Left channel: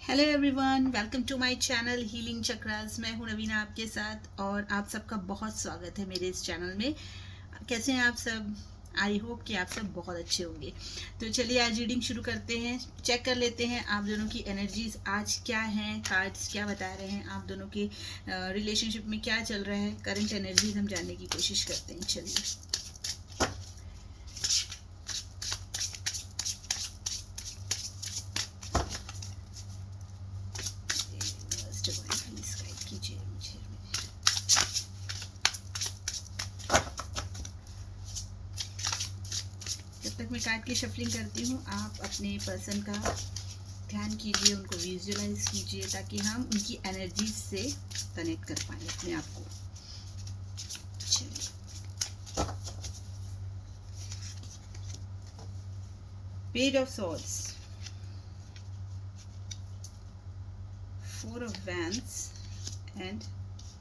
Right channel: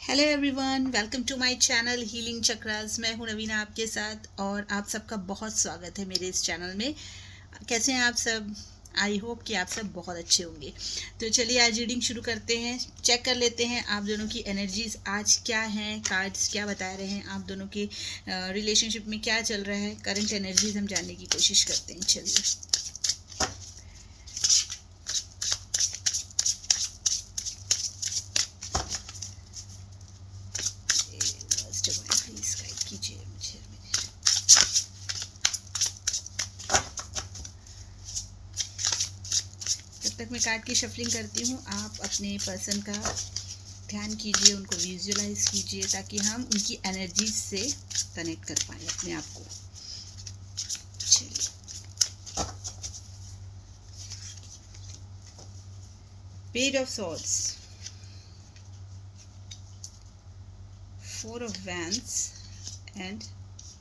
Hello everyone, welcome to my channel healing chakras. मैं हूं रवीना आपके साथ और आप सबका बहुत स्वागत है मेरे इस चैनल में। कैसे हैं आप सब? आई होप कि आप सब बहुत अच्छे होंगे। तो चलिए आज रीडिंग शुरू करते हैं। चेक कर लेते हैं आप दोनों की एनर्जीज आज क्या हैं, कार्ड्स क्या बता रहे हैं, आप दोनों के रिलेशनशिप में क्या चल रहा है, करंट एनर्जीज हम जानने की कोशिश करते हैं। चलिए प्लीज गाइड कीजिए मुझे। जब तक मैं कार्ड की शफलिंग करती हूँ, आप अपने पर्सन का ध्यान कीजिए, उनको विजुअलाइज कीजिए ताकि हम उनकी एनर्जी से कनेक्ट कर पाए अपने आप को। चलिए, page of swords, four of wands and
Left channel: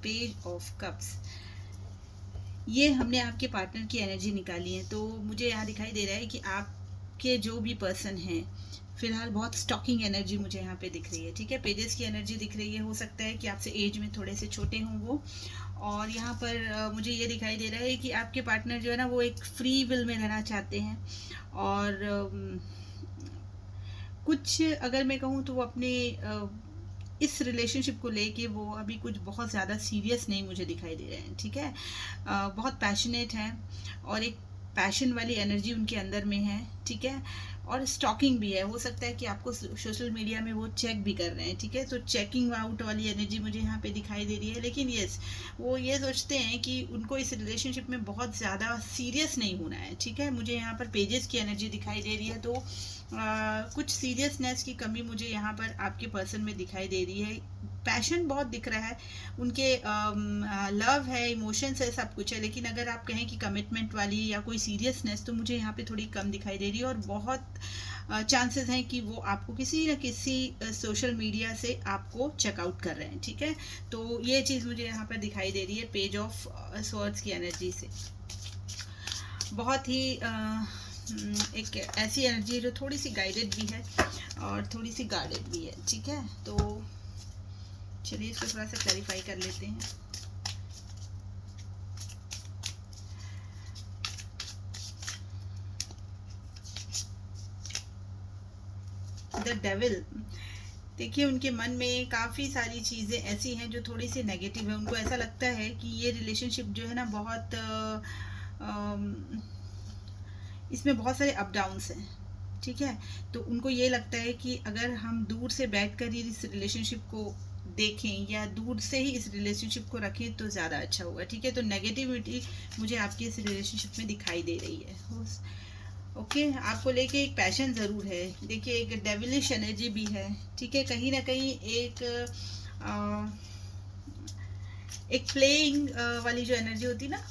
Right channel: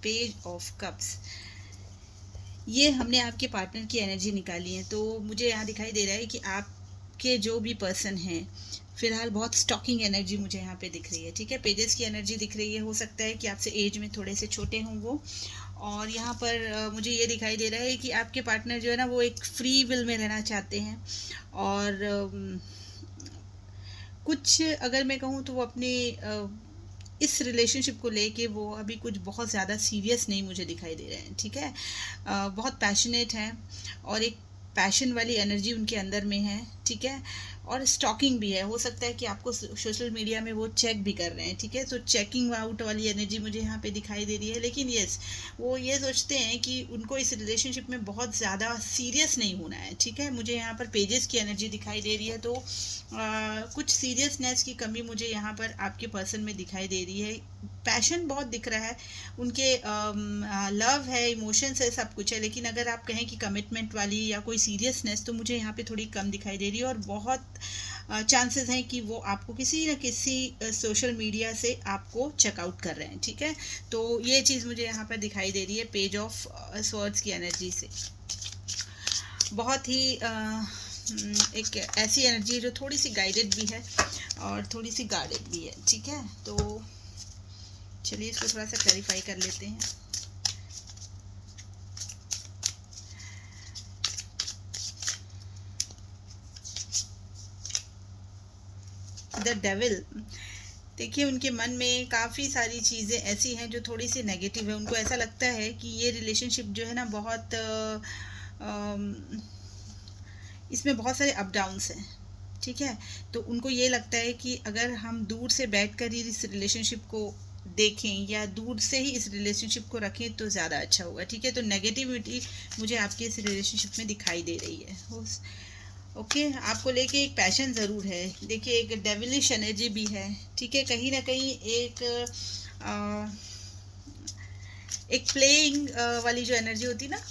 page of cups. ये हमने आपके पार्टनर की एनर्जी निकाली है। तो मुझे यहाँ दिखाई दे रहा है कि आपके जो भी पर्सन है फिलहाल बहुत स्टॉकिंग एनर्जी मुझे यहाँ पे दिख रही है। ठीक है, पेजेस की एनर्जी दिख रही है। हो सकता है कि आपसे एज में थोड़े से छोटे हों वो। और यहाँ पर मुझे ये दिखाई दे रहा है कि आपके पार्टनर जो है ना वो एक फ्री विल में रहना चाहते हैं। और कुछ अगर मैं कहूँ तो वो अपने इस रिलेशनशिप को लेके वो अभी कुछ बहुत ज़्यादा सीरियस नहीं मुझे दिखाई दे रहे हैं। ठीक है, बहुत पैशनेट हैं और एक पैशन वाली एनर्जी उनके अंदर में है। ठीक है, और स्टॉकिंग भी है। हो सकता है कि आपको सोशल मीडिया में वो चेक भी कर रहे हैं। ठीक है, तो चेकिंग आउट वाली एनर्जी मुझे यहाँ पे दिखाई दे रही है। लेकिन यस, वो ये सोचते हैं कि उनको इस रिलेशनशिप में बहुत ज़्यादा सीरियस नहीं होना है। ठीक है, मुझे यहाँ पर पेजेस की एनर्जी दिखाई दे रही है। तो कुछ सीरियसनेस की कमी मुझे यहाँ पर आपके पर्सन में दिखाई दे रही है। पैशन बहुत दिख रहा है उनके, लव है, इमोशंस है, सब कुछ है। लेकिन अगर आप कहें कि कमिटमेंट वाली या कोई सीरियसनेस, तो मुझे यहाँ पे थोड़ी कम दिखाई दे रही है। और बहुत चांसेस हैं कि वो आपको किसी न किसी सोशल मीडिया से आपको चेकआउट कर रहे हैं। ठीक है, तो ये चीज़ मुझे यहाँ पर दिखाई दे रही है पेज ऑफ स्वॉर्ड्स की एनर्जी से। बहुत ही एक ऐसी एनर्जी है जो थोड़ी सी गाइडेड भी है और थोड़ी सी गार्डेड भी है। ठीक है, तो चलिए इसको थोड़ा सा क्लैरिफाई कर लेते हैं। द डेविल, देखिए उनके मन में काफ़ी सारी चीज़ें ऐसी हैं जो थोड़ी सी नेगेटिव है। उनको ऐसा लगता है कि ये रिलेशनशिप जो है ना बहुत इसमें बहुत सारे अप डाउन्स हैं। ठीक है, तो उनको ये लगता है कि अगर हम दूर से बैठकर ही इस रिलेशनशिप को देखें या दूर से ही इस रिलेशनशिप को रखें तो ज़्यादा अच्छा होगा। ठीक है, तो नेगेटिविटी मुझे आपके इस रिलेशनशिप में दिखाई दे रही है। ओके, आपको लेके एक पैशन ज़रूर है। देखिए एक डेविलिश एनर्जी भी है। ठीक है, कहीं ना कहीं एक प्लेइंग वाली जो एनर्जी होती है ना,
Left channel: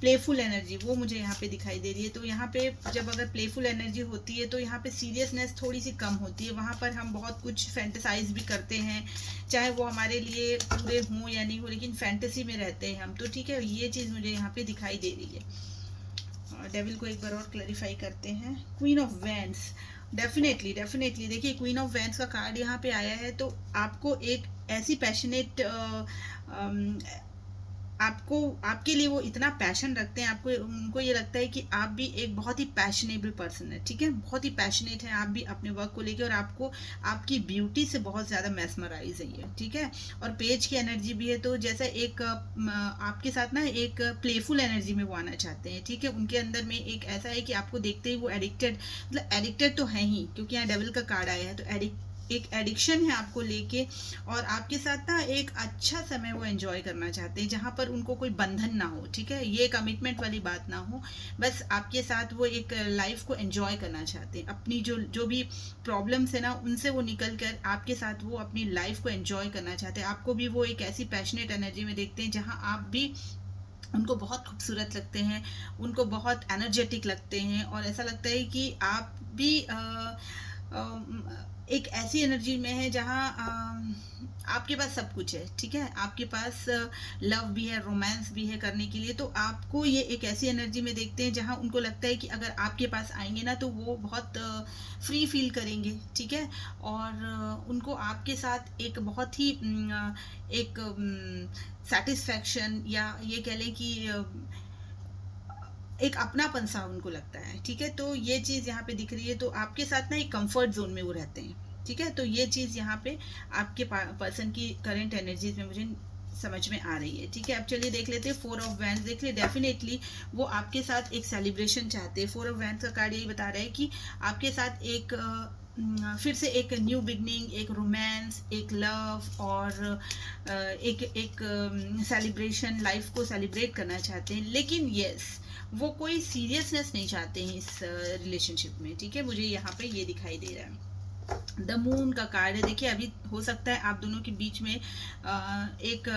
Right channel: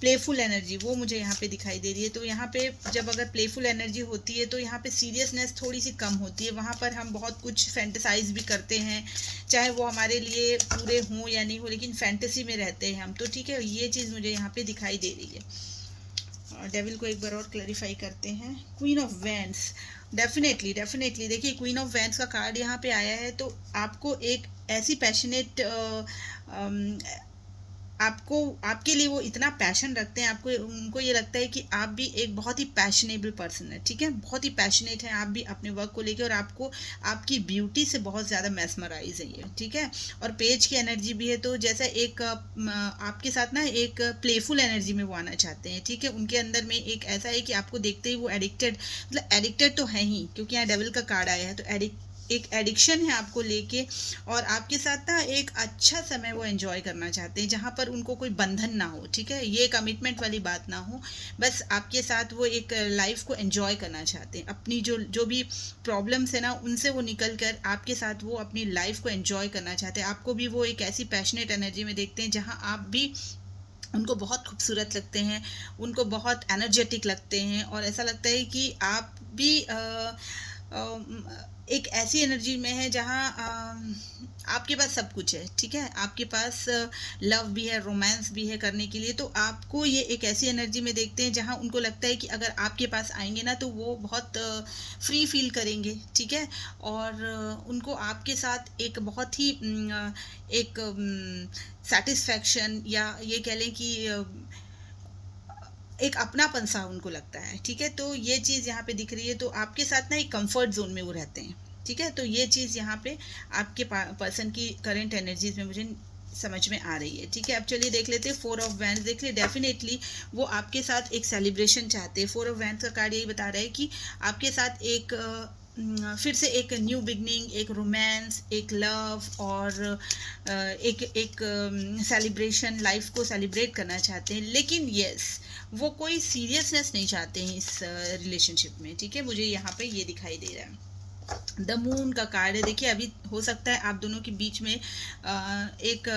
प्लेफुल एनर्जी, वो मुझे यहाँ पे दिखाई दे रही है। तो यहाँ पे जब अगर प्लेफुल एनर्जी होती है तो यहाँ पे सीरियसनेस थोड़ी सी कम होती है। वहाँ पर हम बहुत कुछ फैंटेसाइज भी करते हैं, चाहे वो हमारे लिए पूरे हों या नहीं हो, लेकिन फैंटेसी में रहते हैं हम। तो ठीक है, ये चीज़ मुझे यहाँ पे दिखाई दे रही है। डेविल को एक बार और क्लैरिफाई करते हैं। Queen of wands, definitely definitely देखिए क्वीन ऑफ वैंड्स का कार्ड यहाँ पे आया है। तो आपको एक ऐसी पैशनेट, आपको, आपके लिए वो इतना पैशन रखते हैं, आपको उनको ये लगता है कि आप भी एक बहुत ही पैशनेबल पर्सन है। ठीक है, बहुत ही पैशनेट है आप भी अपने वर्क को लेकर, और आपको आपकी ब्यूटी से बहुत ज़्यादा मैस्मराइज है। ठीक है, और पेज की एनर्जी भी है। तो जैसा एक आपके साथ ना एक प्लेफुल एनर्जी में वो आना चाहते हैं। ठीक है, उनके अंदर में एक ऐसा है कि आपको देखते ही वो एडिक्टेड, मतलब एडिक्टेड तो है ही, क्योंकि यहाँ डेविल का कार्ड आया है। तो एक एडिक्शन है आपको लेके, और आपके साथ ना एक अच्छा समय वो एंजॉय करना चाहते हैं जहाँ पर उनको कोई बंधन ना हो। ठीक है, ये कमिटमेंट वाली बात ना हो, बस आपके साथ वो एक लाइफ को एंजॉय करना चाहते हैं। अपनी जो जो भी प्रॉब्लम्स है ना उनसे वो निकल कर आपके साथ वो अपनी लाइफ को एंजॉय करना चाहते हैं। आपको भी वो एक ऐसी पैशनेट एनर्जी में देखते हैं जहाँ आप भी उनको बहुत खूबसूरत लगते हैं, उनको बहुत एनर्जेटिक लगते हैं, और ऐसा लगता है कि आप भी एक ऐसी एनर्जी में है जहाँ आपके पास सब कुछ है, ठीक है, आपके पास लव भी है, रोमांस भी है करने के लिए। तो आपको ये एक ऐसी एनर्जी में देखते हैं जहाँ उनको लगता है कि अगर आपके पास आएंगे ना तो वो बहुत फ्री फील करेंगे, ठीक है। और उनको आपके साथ एक बहुत ही एक सेटिस्फैक्शन, या ये कह लें कि एक अपनापन सा उनको लगता है, ठीक है। तो ये चीज़ यहाँ पे दिख रही है। तो आपके साथ ना एक कंफर्ट जोन में वो रहते हैं, ठीक है। तो ये चीज़ यहाँ पे आपके पर्सन की करंट एनर्जीज में मुझे समझ में आ रही है, ठीक है। अब चलिए देख लेते हैं फोर ऑफ वैंड्स। देख लिए डेफिनेटली वो आपके साथ एक सेलिब्रेशन चाहते हैं। फोर ऑफ वैंड्स का कार्ड यही बता रहा है कि आपके साथ एक फिर से एक न्यू बिगनिंग, एक रोमांस, एक लव, और एक एक सेलिब्रेशन, लाइफ को सेलिब्रेट करना चाहते हैं। लेकिन यस, वो कोई सीरियसनेस नहीं चाहते हैं इस रिलेशनशिप में, ठीक है। मुझे यहाँ पे ये दिखाई दे रहा है। द मून का कार्ड है। देखिए अभी हो सकता है आप दोनों के बीच में एक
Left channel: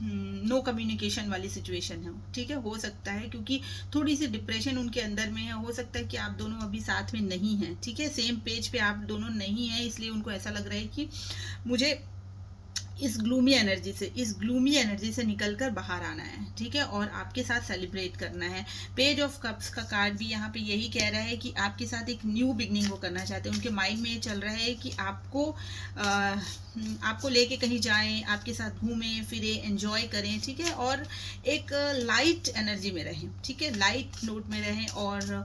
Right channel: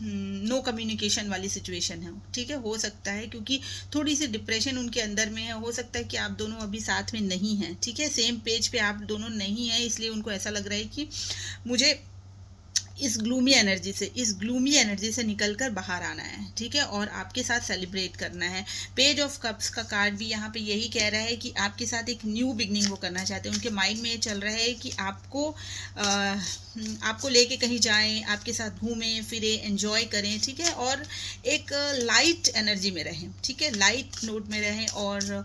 नो कम्युनिकेशन वाली सिचुएशन है, ठीक है, हो सकता है, क्योंकि थोड़ी सी डिप्रेशन उनके अंदर में है। हो सकता है कि आप दोनों अभी साथ में नहीं हैं, ठीक है, सेम पेज पे आप दोनों नहीं हैं, इसलिए उनको ऐसा लग रहा है कि मुझे इस ग्लूमी एनर्जी से निकलकर बाहर आना है, ठीक है, और आपके साथ सेलिब्रेट करना है। पेज ऑफ कप्स का कार्ड भी यहाँ पे यही कह रहा है कि आपके साथ एक न्यू बिगनिंग वो करना चाहते हैं। उनके माइंड में ये चल रहा है कि आपको लेके कहीं जाएं, आपके साथ घूमें फिरें, एंजॉय करें, ठीक है, और एक लाइट एनर्जी में रहें, ठीक है, लाइट नोट में रहें। और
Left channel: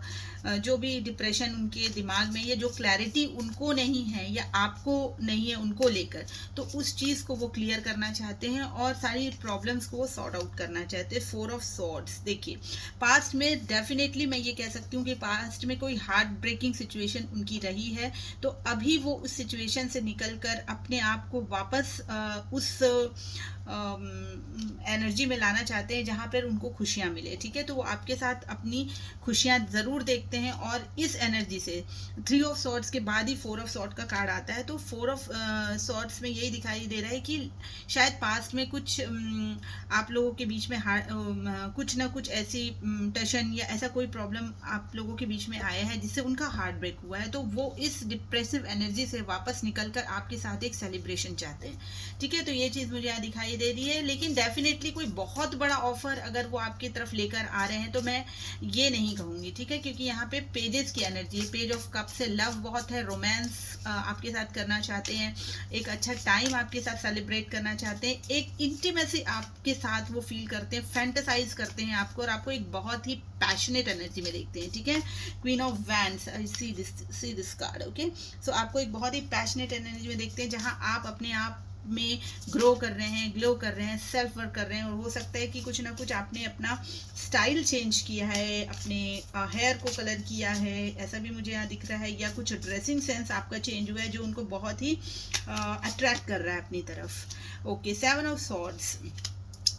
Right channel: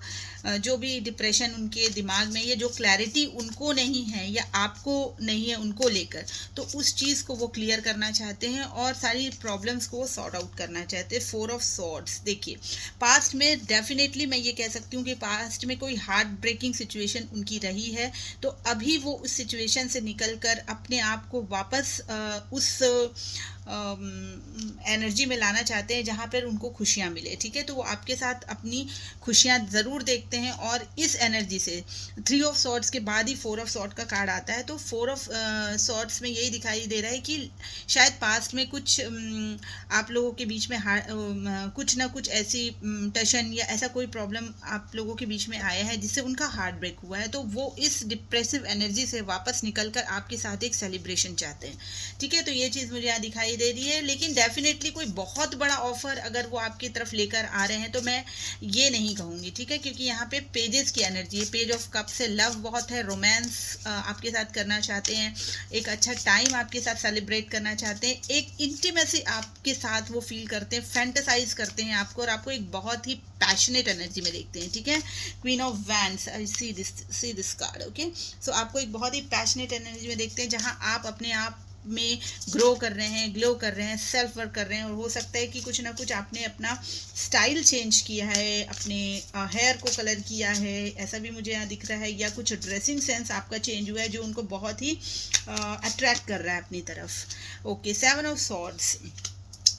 जो भी डिप्रेशन उनके दिमाग में, या जो क्लैरिटी उनको नहीं है या आपको नहीं है उनको लेकर, तो उस चीज़ को वो क्लियर करना चाहते हैं और सारी प्रॉब्लम्स को वो सॉर्ट आउट करना चाहते हैं। Four of swords. देखिए पास्ट में डेफिनेटली मैं ये कह सकती हूँ कि पास्ट में कोई हार्ट ब्रेकिंग सिचुएशन उनकी रही है, तो अभी वो उस सिचुएशन से निकल कर अपने आप को वापस उस एनर्जी में लाना चाहते हैं जहाँ पर उनको खुशियाँ मिले, ठीक है। तो वो आपके साथ अपनी खुशियाँ ज़रूर देखते हैं। और इस एनर्जी से थ्री ऑफ सॉर्ड्स के बाद ही फोर ऑफ सॉर्ड का कार्ड आता है। तो फोर ऑफ सॉर्ड्स में यही दिखाई दे रहा है कि शायद पास्ट में कुछ आप लोगों के बीच में कुछ ना कुछ ऐसी टेंशन या ऐसा कोई प्रॉब्लम आप लोगों के बीच में आया है जिससे उनका हार्ट ब्रेक हुआ है। तो वो इस डिप्रेसिव एनर्जी से वापस निकलकर आपके साथ एक सेलिब्रेशन चाहते हैं, ठीक है। तो ये चीज़ मुझे यहाँ दिखाई दे रही है। लेकिन डेफिनेटली कोई बहुत बड़ा ऑफर अगर वो आपकी तरफ लेकर आ रहे हैं तो मैं ये नहीं कहूँगी, ठीक है, क्योंकि यहाँ पे पेजेस की एनर्जी है। पेज ऑफ कप से लव बहुत है, रोमांस आपके साथ करना चाहते हैं, एक अच्छा टाइम आपके साथ सेलिब्रेट करना चाहते हैं, एक इंटीमेसी आपके साथ वो फील करते हैं, फैंटेसाइज करते हैं आपको, और आपको एक बहुत ही पैशनेट एनर्जी में देखते हैं, ठीक है। Queen of wands, see this card, okay. So आपको एक बहुत ही पैशनेट एनर्जी में देखते हैं जहाँ आप अपने आप में ग्रो कर रहे हैं, ग्लो कर रहे हैं, सेल्फ वर्क कर रहे हैं। और हो सकता है कि कुछ ना कुछ आपने अपना स्टाइल चेंज किया है, अपने हेयर को कलर किया है, ऐसा भी मुझे यहाँ दिख रहा है, या कुछ ड्रेसिंग सेंस आपका चेंज हुआ है जो उनको बहुत ही अट्रैक्ट कर रहा है अपनी तरफ। Okay, seven of swords.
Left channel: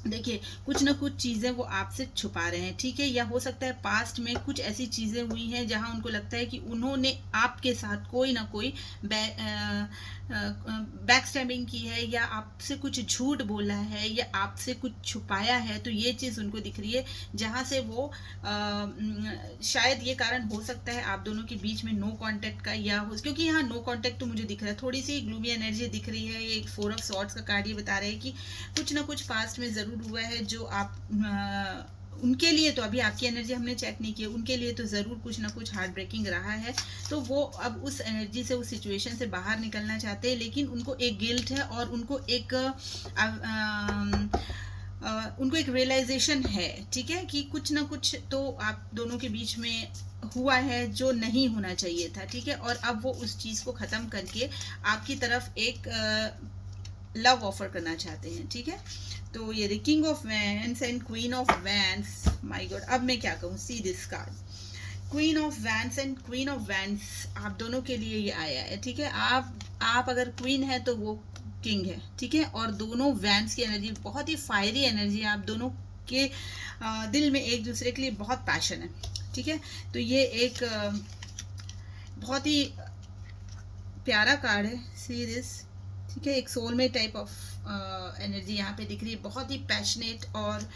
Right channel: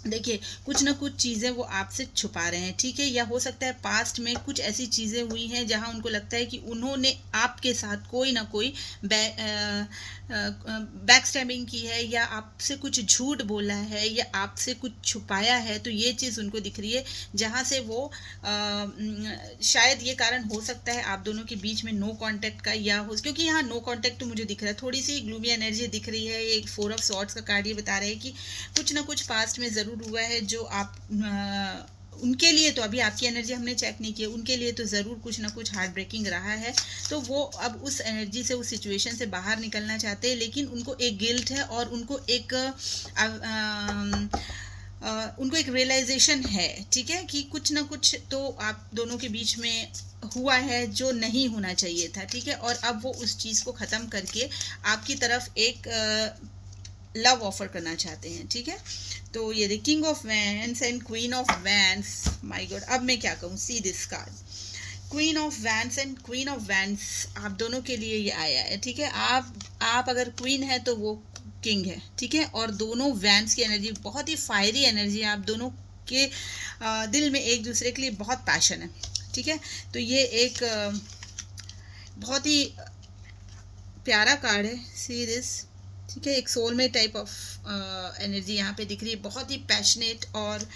देखिए कुछ ना कुछ चीज़ें वो आपसे छुपा रहे हैं, ठीक है, या हो सकता है पास्ट में कुछ ऐसी चीज़ें हुई हैं जहां उनको लगता है कि उन्होंने आपके साथ कोई ना कोई बैक स्टैबिंग की है, या आपसे कुछ झूठ बोला है, या आपसे कुछ छुपाया है। तो ये चीज़ उनको दिख रही है जहाँ से वो शायद ये कारण हो सकता है आप दोनों के बीच में नो कांटेक्ट का, या हो, क्योंकि यहाँ नो कांटेक्ट तो मुझे दिख रहा है, थोड़ी सी ग्लूमी एनर्जी दिख रही है। एक फोर ऑफ सॉर्ड्स का कार्ड ये बता रहे हैं कि कुछ ना कुछ पास्ट में ज़रूर हुआ है जो आप उनके लिए, तो अभी आपकी एनर्जी हमने चेक नहीं की, उनके लिए तो ज़रूर कुछ ना कुछ हार्ट ब्रेकिंग रहा है। तो वो अब उस एनर्जी से, उस सिचुएशन से बाहर निकलना चाहते हैं, लेकिन उनको एक गिल्ट है और उनको एक रियलाइजेशन है, ठीक है, कि कुछ ना कुछ तो आप दोनों के बीच में हुआ है जो नहीं होना चाहिए था, ठीक है। और अब वो उस चीज़ को ख़त्म करके आपकी तरफ एक लव ऑफर करना चाहते हैं, ठीक है। तो ये the king of wands and queen of wands, my God, अब मैं क्या कहूँ, सी this card, queen of wands and queen of wands आप दोनों के लिए ये आया है, ठीक है। आप अगर क्वीन है तो वो किंग है, ठीक है, और दोनों वैंड्स की एनर्जी बहुत ही फायरी एनर्जी है। आप दोनों के दिल में एक दूसरे के लिए बहुत पैशन है, ठीक है। तो ये एक बहुत ही प्यारा कार्ड है, सी दिस, ठीक है। एक सोलमेट टाइप ऑफ एनर्जी यहाँ पे दिख रही है, बहुत ही पैशनेट और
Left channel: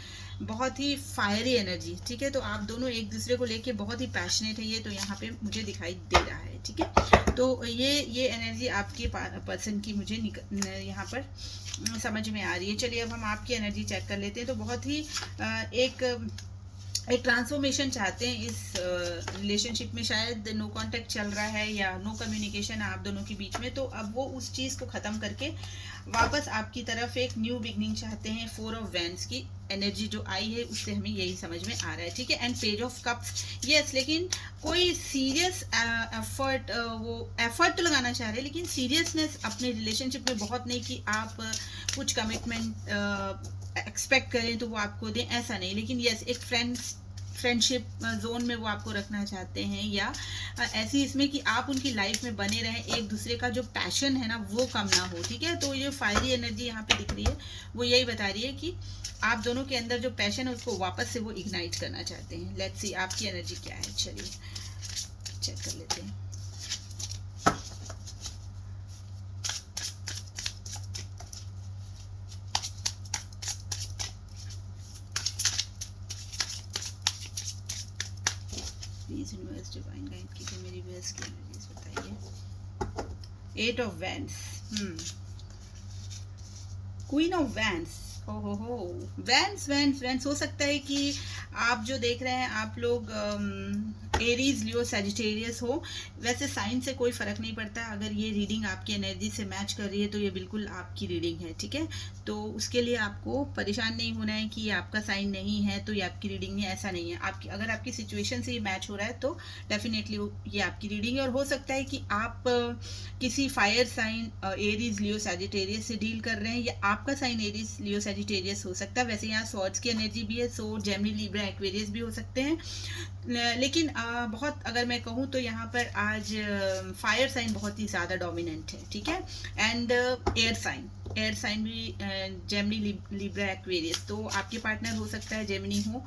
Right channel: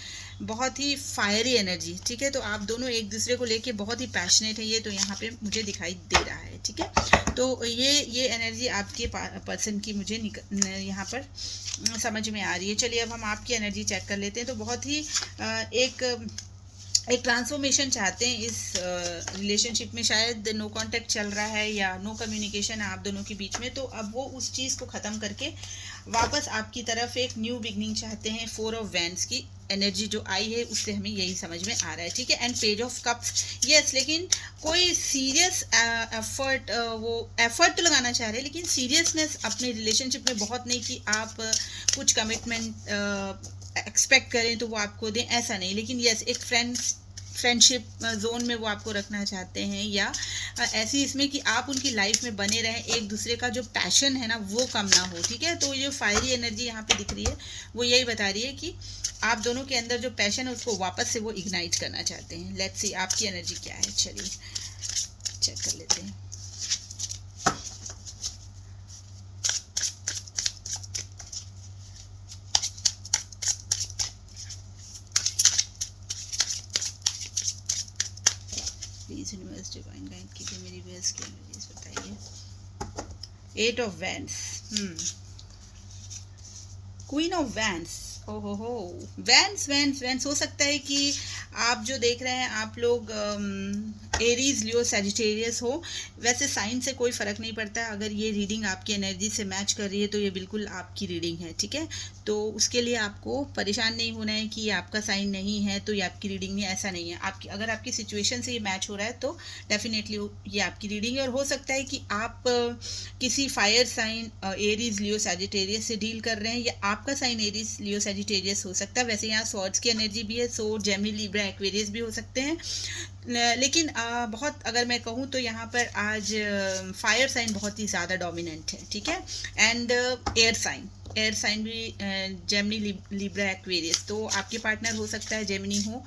बहुत ही फायरी एनर्जी, ठीक है। तो आप दोनों एक दूसरे को लेके बहुत ही पैशनेट है, ये तो यहाँ पे मुझे दिखाई दे रहा है। है, ठीक है। तो ये एनर्जी आपके पर्सन की मुझे यहाँ पर समझ में आ रही है। चलिए अब हम आपकी एनर्जी चेक कर लेते हैं। तो बहुत ही एक ट्रांसफॉर्मेशन चाहते हैं इस रिलेशनशिप में। शायद नो कांटेक्ट चल रहा है या नो कम्युनिकेशन है आप दोनों के बीच में, तो अब वो उस चीज़ को ख़त्म करके वापस आपकी तरफ एक न्यू बिगनिंग चाहते हैं। 4 ऑफ वैंड्स की एनर्जी जो आई है उससे हमें यही समझ में आ रहा है, ठीक है। And page of cups, yes, लेकिन कोई सीरियस एफर्ट, वो एफर्ट तो लगाना चाह रहे हैं लेकिन सीरियसनेस अपने रिलेशनशिप में बहुत नहीं कि आप कुछ कमिटमेंट एक्सपेक्ट करें तो वो आपको दें, ऐसा नहीं। लेकिन यस, एक फ्रेंडशिप जोन में वो आपको रखना चाहते हैं, या ऐसी इसमें कि आप उनकी लाइफ में बने रहें, एक दूसरे का जो पैशन है ना वो कम ना हो, ठीक है। तो ये फायरी एनर्जी यहाँ पे दिख रही है, वो यही बता रही है कि आप दोनों के अंदर जो पैशन है उसको वापस से वो इग्नाइट करना चाहते हैं। लेट्स सी आपकी एनर्जी क्या है, चलिए चेक कर लेते हैं। प्लीज यूनिवर्स डिवाइन गाइड कीजिए मेरी व्यूअर्स की एनर्जीज बताइए। 8 of wands, queen of wands, ओहो, वैंड्स वैंड्स वैंड्स। हो सकता है कि आप जो देख रहे हैं आप लोग एरीज, लियो, सैजिटेरियस हो। वैसे साइन से कोई फर्क नहीं पड़ता, अगर ये रीडिंग आपकी एनर्जी से मैच कर रही है तो ये बिल्कुल आपकी रीडिंग है, ठीक है। तो उसके लिए आपको परेशान नहीं होना है कि ये आपका साइन नहीं है तो ये आपकी रीडिंग नहीं, ऐसा नहीं है। आपकी अगर आपकी सिचुएशन से ये मैच हो रहा है तो डेफिनेटली ये आपकी रीडिंग है। और हो सकता है कि आप किसी फायर साइन एरीज, लियो, सैजिटेरियस से डील कर रहे हैं, या आपका साइन एरीज, लियो, सैजिटेरियस हो सकता है। वैसे यहाँ स्वॉर्ड्स की एनर्जी भी है, सो जेमिनी, लिब्रा, एक्वेरियस भी हो सकते हैं। लेकिन बहुत अगर मैं कहूँ तो यहाँ पर आज फायर साइन बहुत ही ज़्यादा डोमिनेंट है, ठीक है। एंड एयर साइन भी जेमिनी, लिब्रा, एक्वेरियस। तो आपके पार्टनर हो सकता है जेमिनी हो,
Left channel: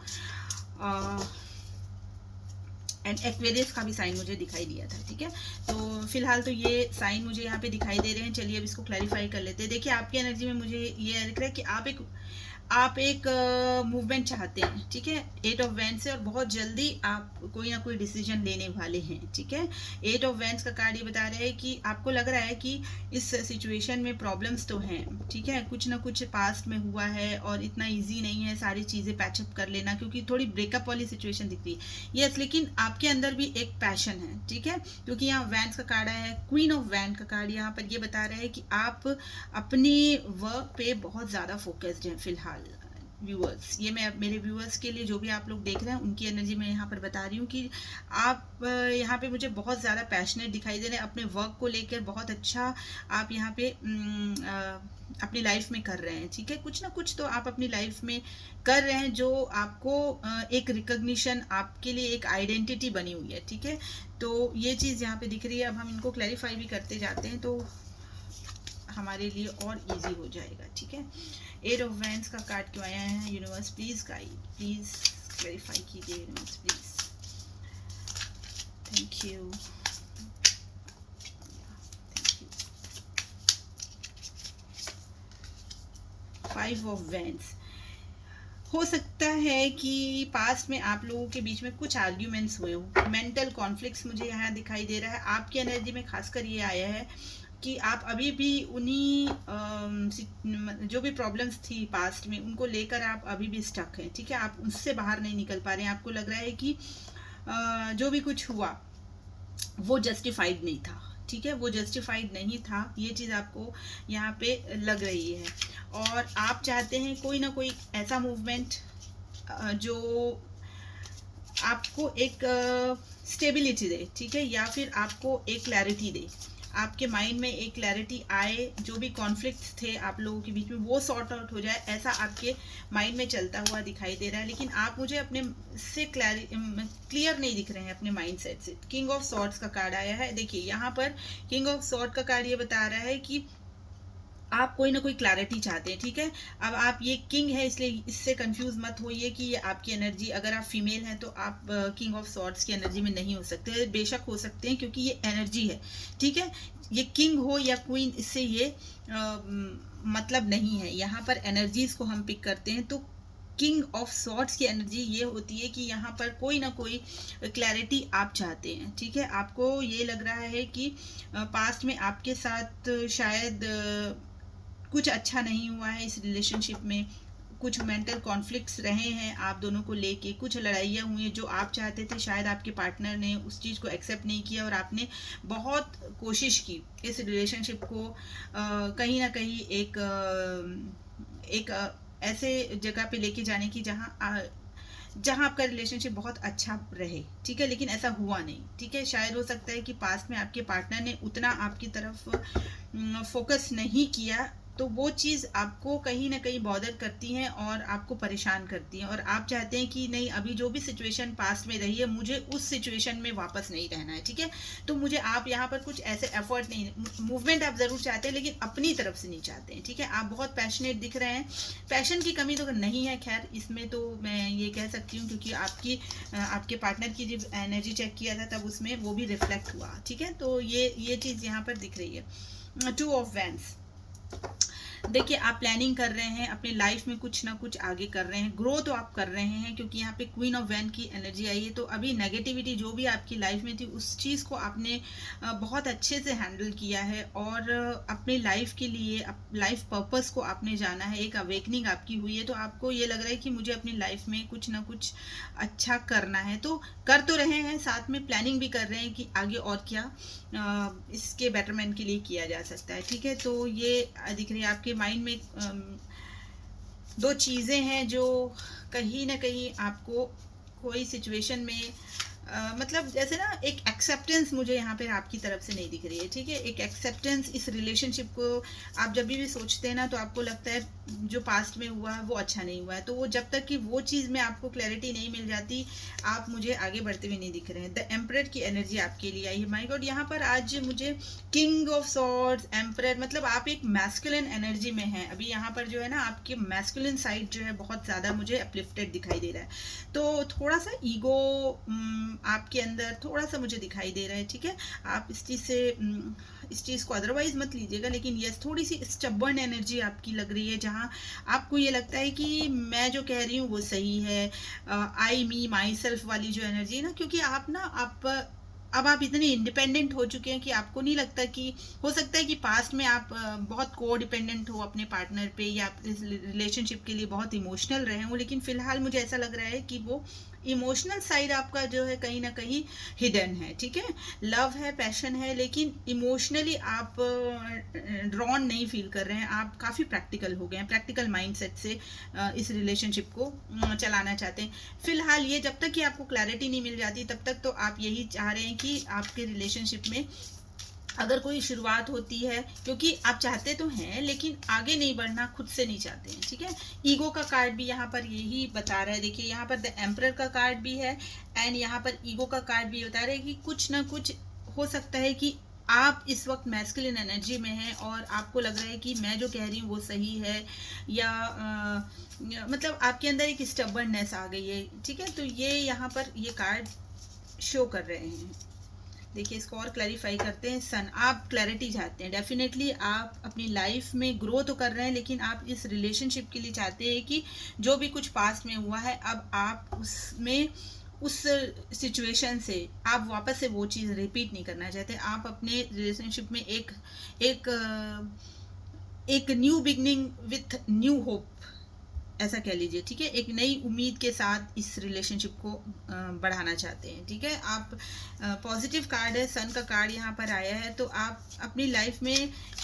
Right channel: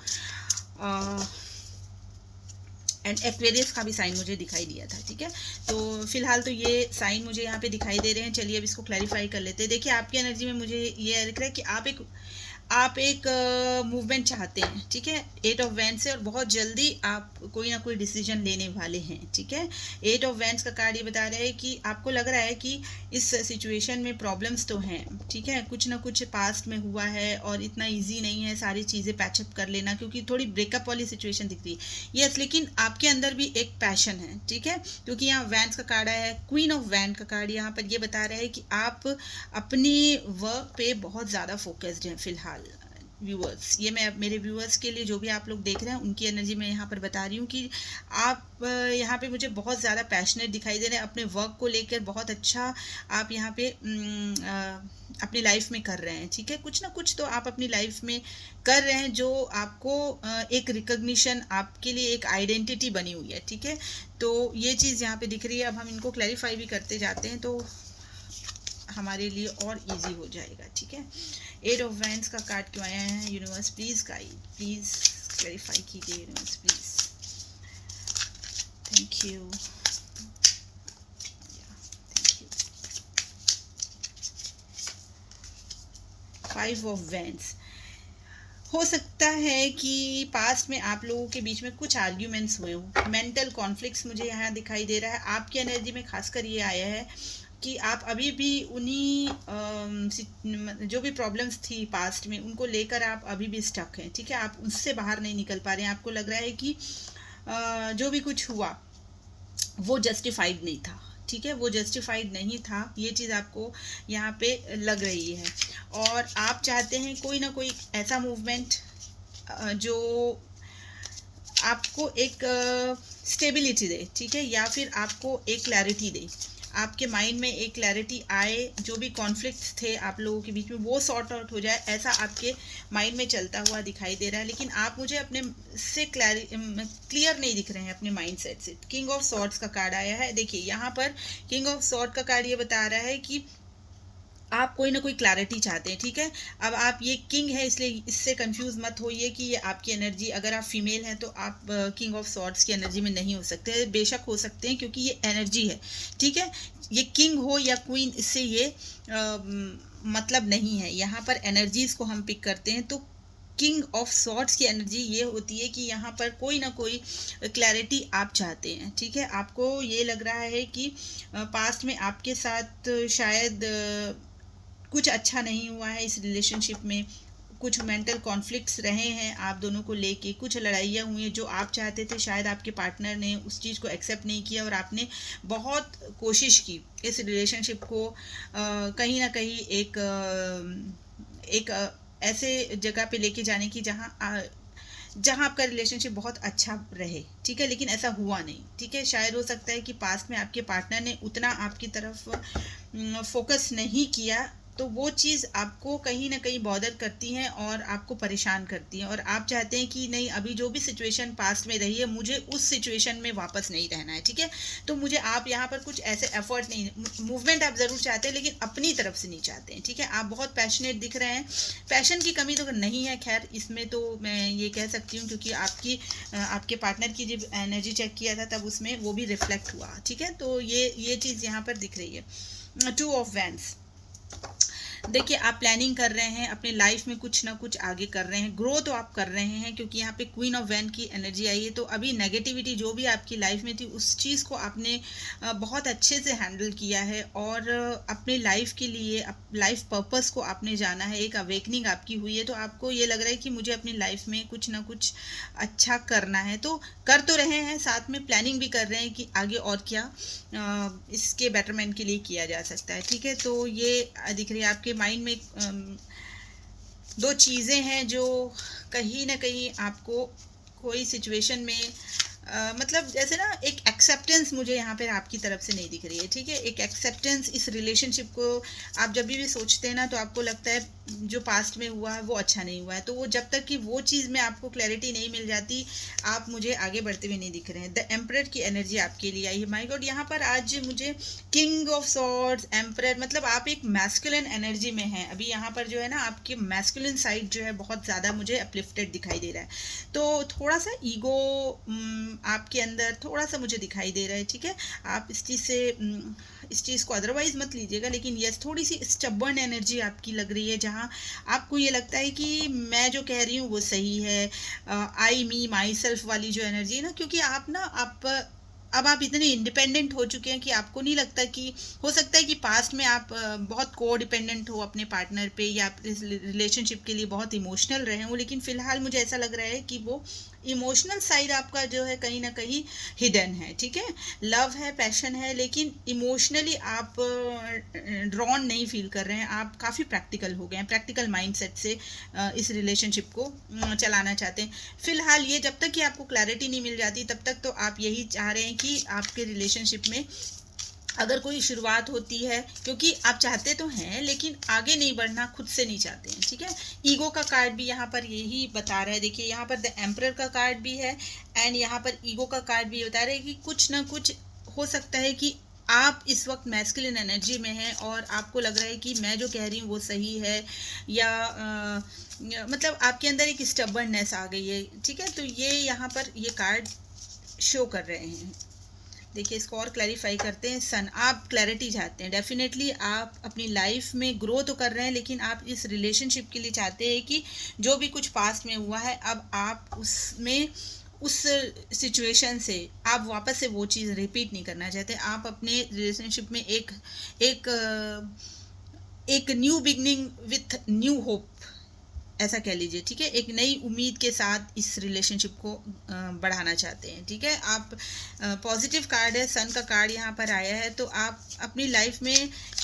एंड एक्वेरियस का भी साइन मुझे दिखाई दिया था, ठीक है। तो फिलहाल तो ये साइन मुझे यहाँ पे दिखाई दे रहे हैं। चलिए अब इसको क्लैरिफाई कर लेते हैं। देखिए आपकी एनर्जी में मुझे ये दिख रहा है कि आप एक मूवमेंट चाहते हैं, ठीक है, 8 ऑफ वैंड्स से, और बहुत जल्दी आप कोई ना कोई डिसीजन लेने वाले हैं, ठीक है। 8 ऑफ वैंड्स का कार्ड ये बता रहा है कि आपको लग रहा है कि इस सिचुएशन में प्रॉब्लम्स तो हैं, ठीक है, कुछ ना कुछ पास्ट में हुआ है और इतना इजी नहीं है सारी चीज़ें पैचअप कर लेना, क्योंकि थोड़ी ब्रेकअप वाली सिचुएशन दिख रही है। यस, लेकिन आपके अंदर भी एक पैशन है, ठीक है, क्योंकि यहाँ वैंड्स का कार्ड आया है, क्वीन ऑफ वैंड का कार्ड यहाँ पर ये बता रहा है कि आप अपनी वर्क पे बहुत ज़्यादा फोकस्ड हैं फिलहाल। व्यूअर्स, ये मैं मेरे व्यूअर्स के लिए, जो भी आप लोग देख रहे हैं उनकी एनर्जी मैं यहाँ पर बता रही हूँ कि आप यहाँ पे मुझे बहुत ज़्यादा पैशनेट दिखाई दे रहे हैं अपने वर्क को लेकर। बहुत अच्छा आप यहाँ पे अपनी लाइफ में कर रहे हैं, ठीक है। कुछ ना कुछ तो आप अपनी लाइफ में कर रहे हैं जो आपको एक रिकग्निशन, आपके लिए एक आइडेंटिटी बनी हुई है, ठीक है। तो ये चीज़ यहाँ पे दिख रही है। अब हम इनको क्लैरिफाई भी करते जाते हैं तो हमारे लिए और इजी हो जाएगा, ठीक है। 8 ऑफ वैंड्स का कार्ड क्यों आया है? Universe please guide, please clarify कीजिए universe please, thank you. 5 of wands, हो सकता है कि पास्ट में आप लोगों के बीच में कुछ आर्ग्यूमेंट्स हुए हो, मेंटल कॉन्फ्लिक्ट्स मुझे यहाँ दिखाई दे रहा है। आपकी एनर्जी में खासकर ये आया है कि आप अभी भी उन्हीं जो भी प्रॉब्लम्स थी पास्ट में उनको लेकर आप अभी भी स्टक हैं, ठीक है। आप उससे बाहर नहीं निकल पा रहे हैं। आपको लग रहा है कि जो भी कुछ हुआ वो जस्टिफाइड नहीं था, ठीक है, वो जस्टिफाइड नहीं था, ये चीज़ आपको यहाँ पे लग रही है। और आप चाहते हैं कोई ना कोई ऐसा मूवमेंट जो आपको एक स्टेबिलिटी दे, ठीक है, या फिर आपको एक क्लैरिटी दे, आपके माइंड में एक क्लैरिटी आए, जो भी कॉन्फ्लिक्ट थे आप लोगों के बीच में वो सॉर्ट आउट हो जाए, ऐसा आपके माइंड में चलता हुआ दिखाई दे रहा है। लेकिन आप मुझे अपने से क्लियर नहीं दिख रहे हैं अपने माइंड सेट से। किंग ऑफ सॉर्ड्स का कार्ड आया है। देखिए यहाँ पर किंग ऑफ सॉर्ड का कार्ड ये बता रहा है कि आप कोई ना कोई क्लैरिटी चाहते हैं, ठीक है। अब आप ये किंग है इसलिए इससे कंफ्यूज मत होइए कि ये आपकी एनर्जी, अगर आप फीमेल हैं तो आप किंग ऑफ सॉर्ड्स की एनर्जी में नहीं हो सकते, बेशक हो सकते हैं क्योंकि ये एनर्जी है, ठीक है। ये किंग हो या क्वीन, इससे ये मतलब नहीं है। यहाँ पर एनर्जीज को हम पिक करते हैं तो किंग ऑफ सॉर्ड्स की एनर्जी ये होती है कि यहाँ पर कोई ना कोई क्लैरिटी आप चाहते हैं, ठीक है। आपको ये लग रहा है कि पास्ट में आपके साथ शायद कुछ अच्छा नहीं हुआ है इस रिलेशनशिप में, कुछ मेंटल कॉन्फ्लिक्ट्स रहे हैं आप दोनों को लेके, कुछ लड़ाइयाँ हुई हैं जो आप चाहते थे, शायद आपके पार्टनर ने उस चीज़ को एक्सेप्ट नहीं किया और आपने बहुत कोशिश की इस रिलेशनशिप को कहीं ना कहीं एक ऐसे जगह पे लेके जाने की जहाँ आपका रिलेशनशिप बहुत अच्छा रहे, ठीक है, लेकिन ऐसा हुआ नहीं, ठीक है। शायद हो सकता है कि पास्ट में आपके पार्टनर ने उतना आपकी तरफ फोकस नहीं किया, तो वो चीज़ आपको कहीं ना कहीं बॉदर करती हैं और आपको परेशान करती हैं, और आप चाहते हैं कि नहीं, अभी जो भी सिचुएशन पास्ट में रही है मुझे उस सिचुएशन में वापस नहीं रहना है, ठीक है। तो मुझे आप यहाँ पर कुछ ऐसे एफर्ट नहीं, मूवमेंट आप ज़रूर चाहते हैं लेकिन अपनी तरफ से नहीं चाहते हैं, ठीक है। आप बहुत पैशनेट दिख रहे हैं, पैशन की कमी तो नहीं है, खैर इसमें तो मैं ये कह सकती हूँ क्योंकि आपके पार्टनर की जब एनर्जी चेक किया था तब उसमें वो भी रिफ्लेक्ट हुआ, ठीक है। तो ये चीज़ यहाँ पर दिख रही है। 2 ऑफ वैंड्स, देखिए आप प्लानिंग कर रहे हैं अपनी लाइफ में, कुछ ना कुछ आगे कर रहे हैं, ग्रो तो आप कर रहे हैं क्योंकि यहाँ पे क्वीन ऑफ वैन की एनर्जी आई है। तो अभी नेगेटिविटी जो भी आपकी लाइफ में थी उस चीज़ को आपने बहुत अच्छे से हैंडल किया है और अपनी लाइफ के लिए लाइफ पर्पस को आपने जाना है, एक अवेकनिंग आपकी हुई है। तो आपको ये लग रहा है कि मुझे अपनी लाइफ में कुछ ना कुछ अच्छा करना है, तो कर तो रहे हैं, साथ में प्लानिंग भी कर रहे हैं कि आगे और क्या इसके बेटरमेंट के लिए किया जा सकता है, ठीक है। तो ये दिख रही है आपके माइंड में 2 चीज़ें हैं जो कहीं ना कहीं आपको कोई सिचुएशन में मतलब जैसे ना एक एक्सेप्टेंस मुझे यहाँ पे आपकी तरफ से नहीं दिख रही है, ठीक है। एक एक्सेप्टेंस इस रिलेशनशिप को आप जब भी सोचते हैं ना तो आपको लगता है जो पास्ट में हुआ है वो अच्छा नहीं हुआ है, तो वो जब तक कि वो चीज़ में आपको क्लैरिटी नहीं मिल जाती आप मुझे आगे बढ़ते हुए नहीं दिख रहे हैं। द एम्परर की एनर्जी आपके लिए आई है, माय गॉड। यहाँ पर आज मुझे किंग ऑफ सॉर्ड्स, एम्परर, मतलब आप एक मैस्कुलिन एनर्जी में हैं अभी। यहाँ पर जो है ना आपके मैस्कुलिन साइड जो है बहुत ज़्यादा मुझे अपलिफ्टेड दिखाई दे रहा है, तो थोड़ा सा ईगो आपके अंदर थोड़ा सा मुझे दिखाई दे रहा है, ठीक है। आप इस चीज़ को अदरवाइज मत लीजिएगा, लेकिन यस थोड़ी सी स्टबर्न एनर्जी आपकी लग रही है जहाँ आपको ये लगता है कि मैं जो कह रही हूँ वो सही है, आई मी माई सेल्फ वाली जो एनर्जी है ना, क्योंकि अब आप इतने इंडिपेंडेंट हो चुके हैं कि आपको नहीं लगता कि हो सकता है कि पास्ट में आप बहुत को डिपेंडेंट हो अपने पार्टनर पे या इस रिलेशनशिप के लिए बहुत इमोशनल रहे हो, लेकिन फिलहाल मुझे ऐसा लग रहा है कि वो इमोशनल साइड आपका जो है कहीं ना कहीं हिडन है, ठीक है। लव है, पैशन है, लेकिन इमोशनली आप ड्रॉन नहीं फील कर रहे हैं, आप काफ़ी प्रैक्टिकल हो गए हैं, प्रैक्टिकल माइंडसेट से इस रिलेशनशिप को चलाना चाहते हैं फिलहाल। ये जब तक कि आपको क्लैरिटी नहीं मिल जाती तब तक तो आप यही चाह रहे हैं कि आपके रिलेशनशिप में अगर कोई शुरुआत होती है, क्योंकि आप चाहते तो हैं लेकिन आगे नहीं बढ़ना खुद से नहीं चाहते हैं, ठीक है। ईगो का कार्ड भी यहाँ पर यही बता रहा है, देखिए यहाँ पर द एम्परर का कार्ड भी है एंड यहाँ पर ईगो का कार्ड भी बता रहा है कि कुछ ना कुछ हो सकता है कि आप इस वक्त मैस्कुलिन एनर्जी में हैं और आपको लग रहा है कि मैं जो कह रही हूँ वो सही है, या मतलब आपके अंदर एक स्टबर्ननेस आ गई है, ठीक है। तो ये यहाँ पर ये कार्ड शो कर रहे हैं। देखिए इसको और क्लैरिफाई करते हैं। सन, आप क्लैरिटी चाहते हैं, डेफिनेटली आप अपनी लाइफ में ग्रो तो कर रहे हैं लेकिन आप इस रिलेशनशिप के लिए चाहते हैं कि जो भी कुछ पास्ट में हुआ है अब आप उसमें उस सिचुएशन से आप वापस से वो चीज़ रिपीट नहीं करना चाहते। आप अपने रिलेशनशिप में एक new beginning with new hope, ऐसा कह लीजिए, ठीक है। एक नई उम्मीद के साथ इस रिलेशनशिप को बढ़ाना चाहते हैं, ठीक है। आप पॉजिटिव कार्ड है, सन का कार्ड यहाँ पर आया है, तो आप अपनी लाइफ में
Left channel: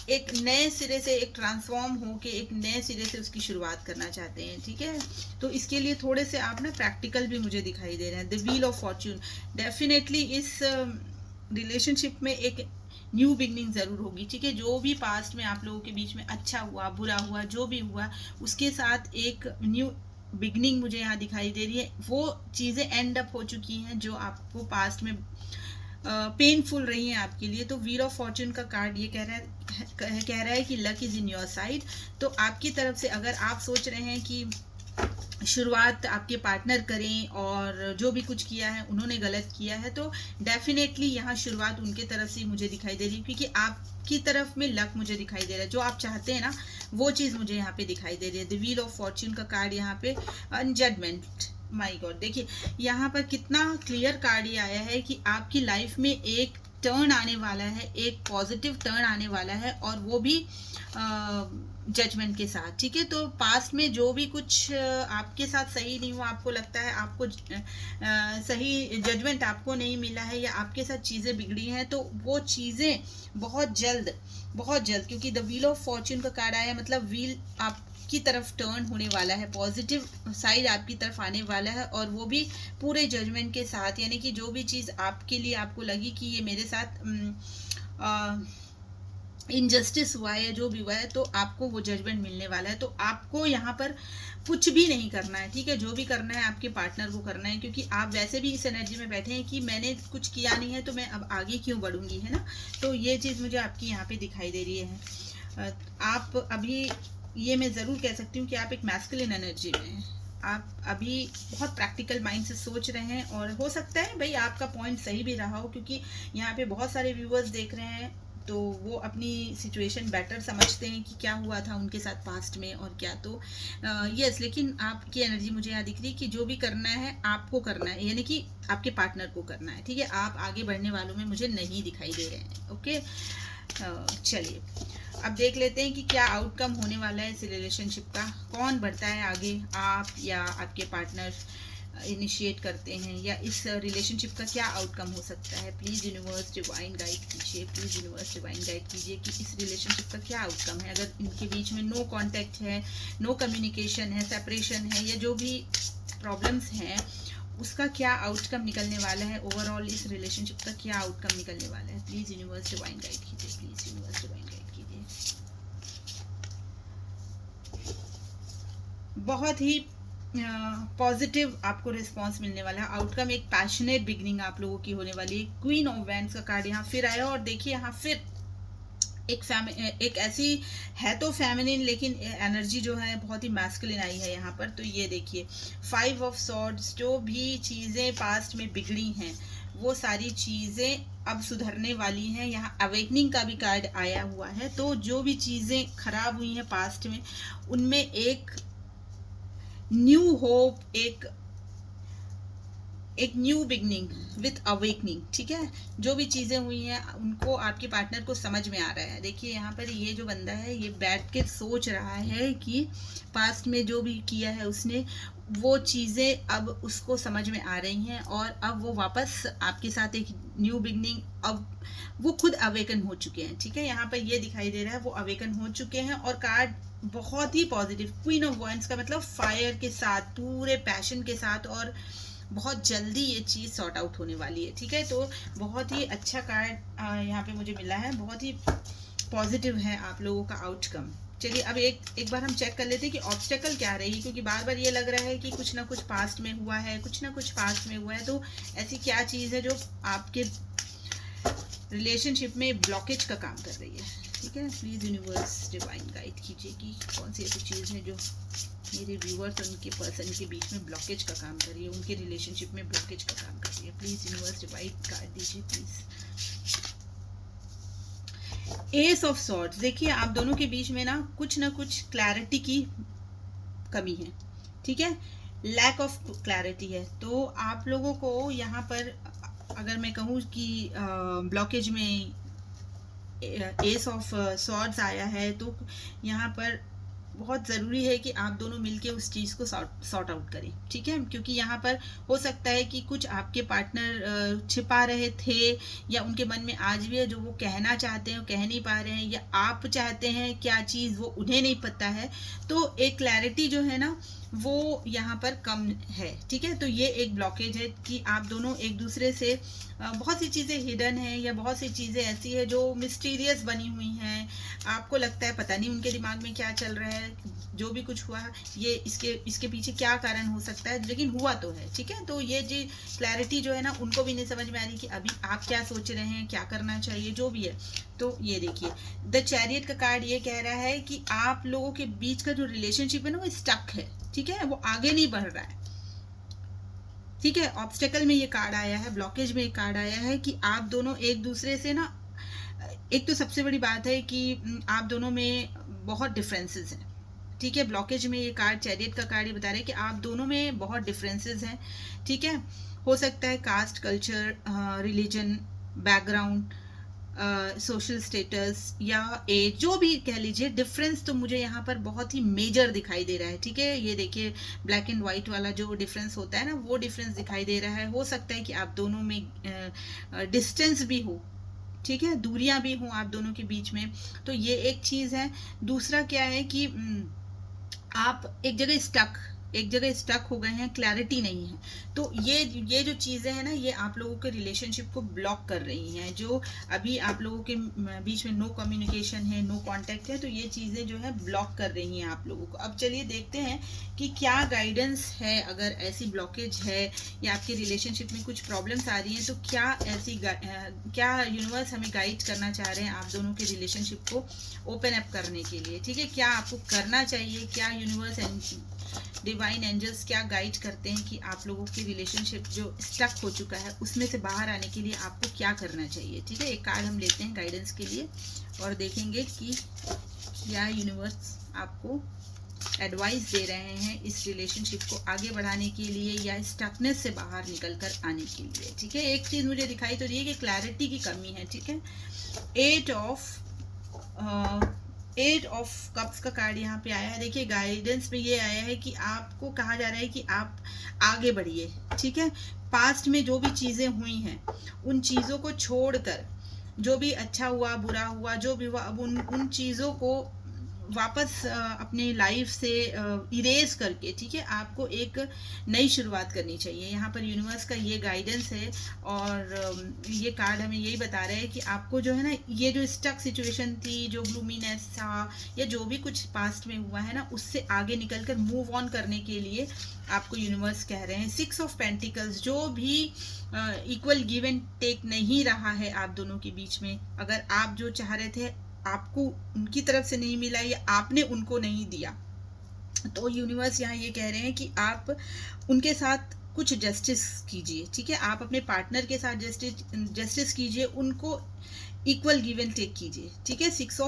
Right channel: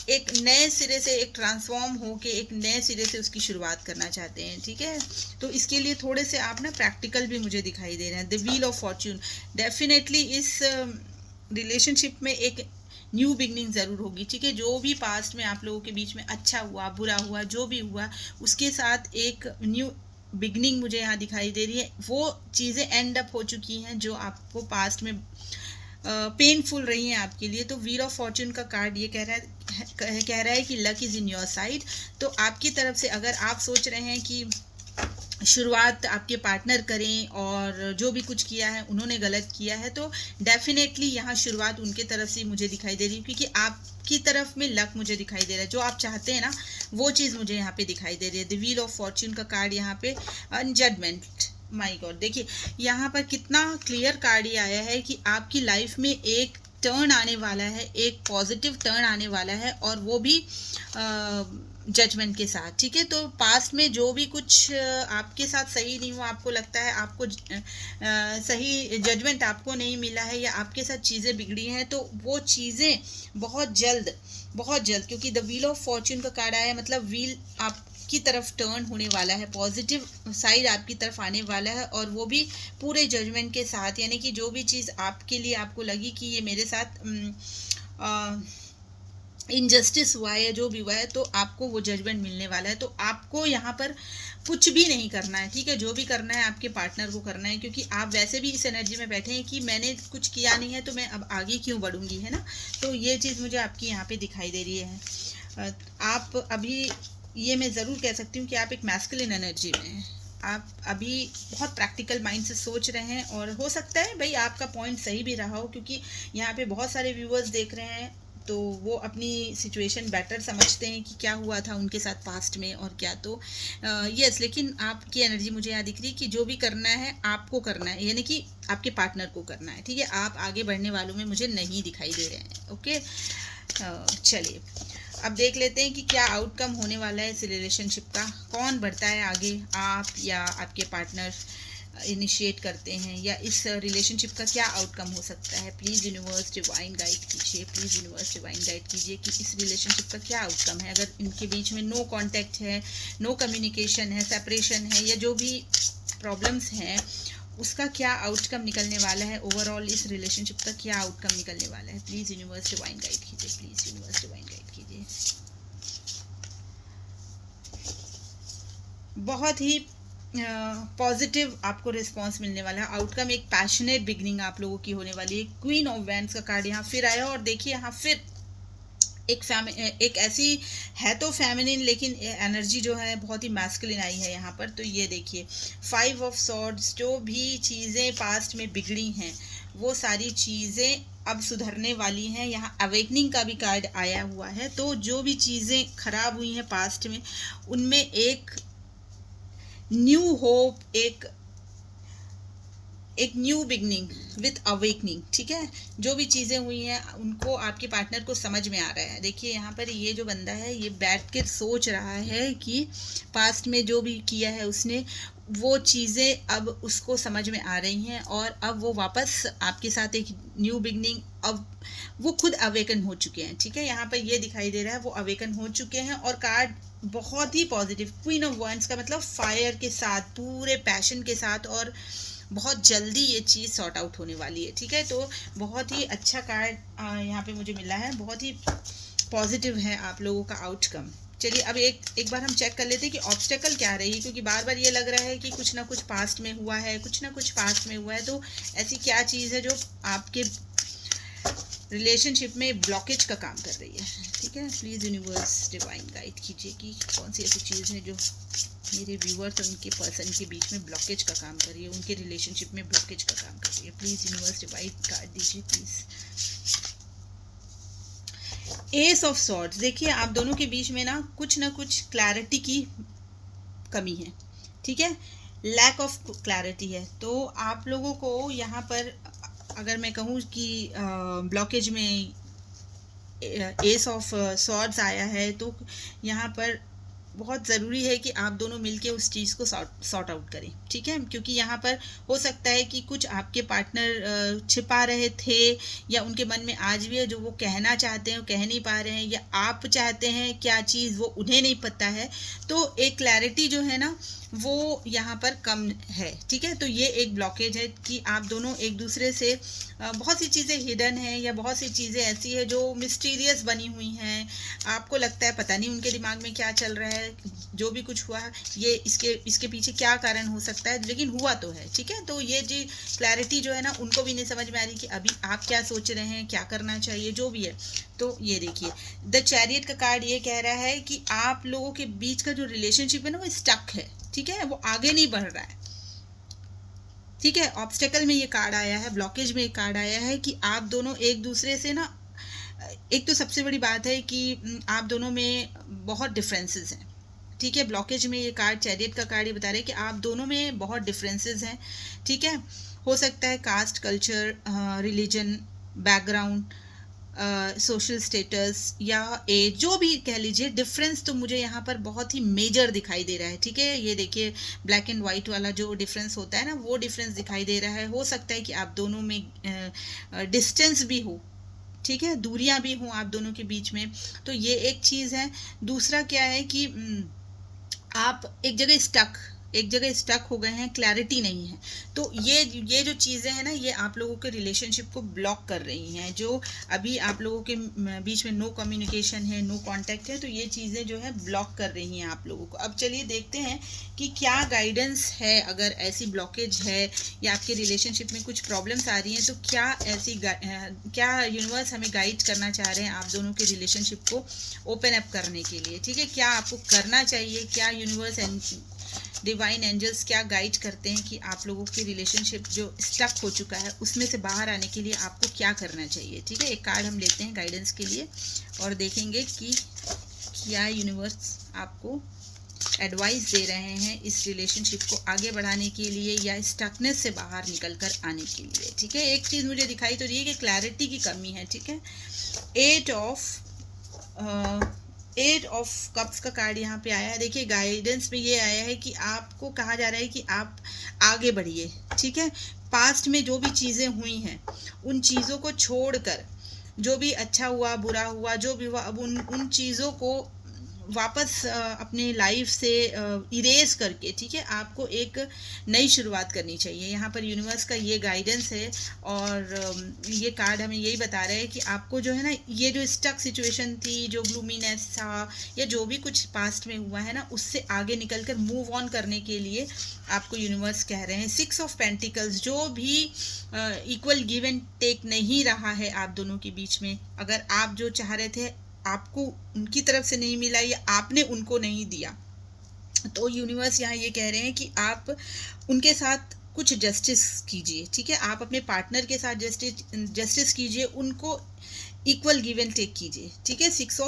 एक नए सिरे से एक ट्रांसफॉर्म होके एक नए सिरे से उसकी शुरुआत करना चाहते हैं, ठीक है। तो इसके लिए थोड़े से आप ना प्रैक्टिकल भी मुझे दिखाई दे रहे हैं। The wheel of Fortune, definitely इस रिलेशनशिप में एक न्यू बिगनिंग ज़रूर होगी, ठीक है। जो भी पास्ट में आप लोगों के बीच में अच्छा हुआ बुरा हुआ जो भी हुआ उसके साथ एक न्यू बिगनिंग मुझे यहाँ दिखाई दे रही है। वो चीज़ें एंड अप हो चुकी हैं जो आपको पास्ट में पेनफुल रही हैं आपके लिए। तो व्हील ऑफ फॉर्च्यून का कार्ड ये कह रहा है कि luck is in your side. तो आपकी तरफ से अगर आप सोच रहे हैं कि शुरुआत आपके पार्टनर करें और जो भी कुछ किया है उन्होंने गलत किया है, तो डेफिनेटली यहाँ शुरुआत उनके तरफ से मुझे दिखाई दे रही है, क्योंकि आपकी तरफ में लक मुझे दिखाई दे रहा है, जो आप चाहते हैं ना वो चीज़ मुझे यहाँ पे दिखाई दे रही है। द व्हील ऑफ फॉर्च्यून का कार्ड यहाँ पे, जजमेंट, माय गॉड, देखिए यहाँ पर कितना क्लियर कार्ड ये आया है कि आपकी लाइफ में एक टर्न आने वाला है, एक पॉजिटिव टर्न आने वाला है, और वो भी जजमेंट के साथ। ठीक है, तो पास्ट में जो भी कुछ आपके साथ सही नहीं हुआ, आपको लगता है आपको सही जजमेंट आपको नहीं मिला है, या आपके साथ चीज़ें बिगड़ी हैं, तो वो चीज़ें बहुत जल्द, क्योंकि द व्हील ऑफ फॉर्च्यून का कार्ड आया, मतलब व्हील आपकी तरफ टर्न होने वाला है, पॉजिटिव साइड आपकी तरफ आने वाला है, और वो भी पूरे जजमेंट के साथ। यानी कि जो भी चीज़ आपके लिए आपको लगी कि ये मेरे साथ इनजस्टिस हुआ है, जो भी हुआ है, तो आपको वो जजमेंट मिलने वाला है। तो आपको यहाँ पर कुछ भी नहीं करना है, ठीक है, जो भी करना है आपके पार्टनर को करना है, क्योंकि आप वैसे भी इस एनर्जी में बैठे हैं कि मैंने कुछ किया नहीं है तो मैं अब आगे क्यों बढ़ूंगी, है ना। तो ये चीज़ मुझे आपकी यहाँ पे दिखाई दे रही है। आप अभी, ये मैं ज़रूर कह सकती हूँ कि आप एक मैस्कुलिन एनर्जी में हैं। आप अभी बहुत प्रैक्टिकल माइंड से सोच रहे हैं, और हो सकता है भाई आपका पॉइंट सही भी रहा हो, क्योंकि यहाँ पे बहुत सारे व्यूअर्स देख रहे हैं, तो वो अपनी सिचुएशन बेटर समझते हैं कि क्या हुआ था उनके साथ पास्ट में और क्या। तो यस, लेकिन आपकी एनर्जी मुझे यहाँ दिख रही है कि जो भी करना है आपको करना है, यानी कि आपके पार्टनर को करना है, ठीक है। आप आगे बढ़ने वालों में मुझे नहीं दिखाई दे रहे हैं। ओके, चलिए अब देख लेते हैं कि क्या आउटकम होने वाला है इस रिलेशनशिप का। कौन बढ़ता है आगे, आप या आपके पार्टनर इनिशिएट करते हैं, या इस रिलेशनशिप का क्या आउटकम हो सकता है। प्लीज़ यूनिवर्स डिवाइन गाइड कीजिए, प्लीज़ यूनिवर्स डिवाइन गाइड कीजिए कि इस रिलेशनशिप का क्या आउटकम है। अगर इनके बीच में नो कांटेक्ट है, नो कम्युनिकेशन है, सेपरेशन है, या जो भी प्रॉब्लम्स हैं, उसका क्या आउटकम निकलने वाला है। ओवरऑल इस रिलेशनशिप का क्या आउटकम निकलने वाला है। प्लीज़ यूनिवर्स डिवाइन गाइड कीजिए, प्लीज़ यूनिवर्स डिवाइन गाइड कीजिए। बहुत ही पॉजिटिव आपको रिस्पॉन्स मिलने वाला है। आउटकम एक पैशनेट बिगनिंग आप लोगों की होने वाली है। क्वीन ऑफ वैंड्स का कार्ड यहाँ फिर आया, और देखिए यहाँ फिर एक ऐसी है तो फेमिनिन, लेकिन एनर्जी जो है बहुत ही मैस्कुलिन आई है यहाँ पर। तो ये देखिए 5 ऑफ सॉर्ड्स, जो भी चीज़ें पास्ट में बिगड़ी हैं वो सारी चीज़ें अब सुधरने वाली हैं। यहाँ अवेकनिंग का भी कार्ड आया हुआ है। तो जो भी चीज़ें खराब हुई हैं पास्ट में, उनमें एक न्यू होप, एक न्यू बिगनिंग विथ अवेकनिंग, ठीक है। जो भी चीज़ें हुई हैं उनको आपके पार्टनर को समझ में आ रहा है। देखिए यहाँ पर ये जो बंदा है ये बैठ के सोच रहा है कि पास्ट में जो भी किया है उसने, वो चीज़ें अब उसको समझ में आ रही हैं, और अब वो वापस आपके साथ एक न्यू बिगनिंग, अब वो खुद अवेकन हो चुके हैं, ठीक है। यहाँ पर ये दिखाई दे रहा है वो अवेकन हो चुके हैं। और कार्ड बहुत ही पॉजिटिव, क्वीन ऑफ वॉन्ड्स का मतलब फायर के साथ, पूरे पैशन के साथ, और बहुत जल्दी ये चीज़ सॉर्ट आउट होने वाली है, ठीक है। तो बहुत ही अच्छा कार्ड यहाँ पे मुझे मिला है, बहुत ही पॉजिटिव है आप लोगों का आउटकम। चलिए अब एक बार हम चेक कर लेते हैं कि ऑब्स्टेकल क्या रही है, क्योंकि बार बार ये लग रहा है कि कुछ ना कुछ पास्ट में हुआ है, कुछ ना कुछ पास्ट में हुआ है। तो ऐसी क्या चीज़ है जो आपके रिलेशनशिप में ब्लॉकेज का काम कर रही है, ठीक है। प्लीज़ यूनिवर्स डिवाइन गाइड कीजिए कि कौन सी ऐसी चीज़ है जो मेरे व्यूअर्स और उनके पर्सन के बीच में ब्लॉकेज का काम कर रही है, उनके रिलेशनशिप में ब्लॉकेज का काम कर रही है। प्लीज़ यूनिवर्स डिवाइन गाइड दीजिए प्लीज़। एस ऑफ सॉर्ड्स, देखिए आप दोनों के बीच में ना कुछ क्लैरिटी की कमी है, ठीक है, लैक ऑफ क्लैरिटी है। तो आप लोगों को यहाँ पर अगर मैं कहूँ कि ब्लॉकेज में एस ऑफ सॉर्ड्स आया है, तो यहाँ पर बहुत ज़रूरी है कि आप दोनों मिलके उस चीज़ को सॉर्ट आउट करें, ठीक है। क्योंकि यहाँ पर हो सकता है कि कुछ आपके पार्टनर छिपा रहे थे, या उनके मन में आज भी है जो वो कहना चाहते हैं वो कह नहीं पा रहे हैं, या आप चाहते हैं क्या चीज़ वो उन्हें नहीं पता है। तो एक क्लैरिटी जो है ना वो यहाँ पर कम है, ठीक है। तो ये एक ब्लॉकेज है कि आप दोनों एक दूसरे से बहुत सी चीज़ें हिडन हैं, या बहुत सी चीज़ें ऐसी है जो मिस्टीरियस बनी हुई हैं। आपको लगता है पता नहीं उनके दिमाग में क्या चल रहा है, जो भी कुछ हुआ ये इसके पीछे क्या कारण हो सकता है, लेकिन हुआ तो है, ठीक है। तो ये जी क्लैरिटी जो है ना उनको भी नहीं समझ में आ रही कि अभी आप क्या सोच रहे हैं, क्या करना चाहिए, जो भी है। तो ये देखिए द चैरियट का कार्ड ये कह रहा है कि आप लोगों के बीच का जो रिलेशनशिप है ना वो स्टक है, ठीक है, वो आगे नहीं बढ़ रहा है। ठीक है, ऑब्स्टेकल में ये कार्ड आया है, ब्लॉकेज में ये कार्ड आया है कि आप दोनों एक दूसरे से ना, एक तो सबसे बड़ी बात है कि आप दोनों में बहुत डिफरेंसेस हैं। ठीक है, ब्लॉकेज में ये कार्ड, चैरियट का कार्ड, ये बता रहे हैं कि आप दोनों में बहुत डिफरेंसेस हैं। ठीक है, हो सकता है caste, culture, religion, background, social status या एज, जो भी कह लीजिए, डिफरेंस तो मुझे यहाँ पर बहुत ही मेजर दिखाई दे रहा है। ठीक है, ये देखिए ब्लैक एंड वाइट वाला जो डिफरेंस होता है ना, वो डिफरेंस दिखाई दे रहा है। हो सकता है कि आप दोनों में डिस्टेंस भी हो, ठीक है, दूरियां भी हों आप दोनों के बीच में, तो ये एक चीज है। दूसरा क्या है कि आप एक जगह स्टक हो गए हैं, क्लैरिटी नहीं है। तो ये जो चीज़ें हैं ना, ये आप लोगों के रिलेशनशिप को ब्लॉक कर रही हैं। जो अभी आप लोगों के बीच में नो कम्युनिकेशन है, नो कांटेक्ट है, तो ये चीज़ें जो है ब्लॉक कर रही हैं आप लोगों को। अब चलिए देखते हैं कि क्या गाइडेंस है। अगर ऐसी ब्लॉकेज है या आपके रिलेशनशिप में कुछ प्रॉब्लम्स आ रही हैं, तो क्या यूनिवर्स हमें गाइड करना चाह रहे हैं आप दोनों के रिलेशनशिप को ओपन अप करने के लिए। ठीक है, क्या आपको करना चाहिए, क्या यूनिवर्स एंड डिवाइन एंजल्स क्या गाइड करते हैं कि आप लोगों की रिलेशनशिप जो स्टक हो चुका है उसमें से बाहर आने के लिए आपको क्या करना चाहिए। ठीक है, एक कार्ड हम लेते हैं गाइडेंस के लिए और देखेंगे कि क्या यूनिवर्स आपको एडवाइस दे रहे हैं इस रिलेशनशिप को आगे बढ़ाने के लिए या स्टकनेस से बाहर निकल कर आने के लिए। ठीक है, एक चीज़ मुझे दिखाई तो रही है कि क्लैरिटी की कमी है। ठीक है, एट ऑफ कप्स का कार्ड यहाँ पे आया है। देखिए गाइडेंस में ये आया है कि आपको कहा जा रहा है कि आप आगे बढ़िए। ठीक है, पास्ट में जो भी चीज़ें हुई हैं उन चीज़ों को छोड़कर, जो भी अच्छा हुआ बुरा हुआ जो भी हुआ, अब उन चीज़ों को वापस अपने लाइफ से इरेज करके, ठीक है, आपको एक नई शुरुआत करनी चाहिए। यहाँ पर यूनिवर्स का ये गाइडेंस है और ये कार्ड हमें यही बता रहा है कि आपको जो है ना, ये जो स्टक सिचुएशन थी, जो ग्लूमीनेस था या जो भी कुछ पास्ट में हुआ है ना, उससे आगे निकल कर मूव ऑन करने के लिए आपको यूनिवर्स कह रहे हैं। 6 ऑफ पेंटिकल्स, जो भी इक्वल गिव एंड टेक नहीं रहा है आप दोनों के बीच में, अगर आप जो चाह रहे थे आपको उनकी तरफ से नहीं मिला या आपने उनको नहीं दिया, तो यूनिवर्स यहाँ ये कह रहे हैं कि आप उनके साथ कुछ जस्टिस कीजिए। ठीक है, आप अपने पार्टनर के साथ जस्टिस कीजिए, उनको इक्वल गिव एंड टेक कीजिए। ठीक है, सिक्स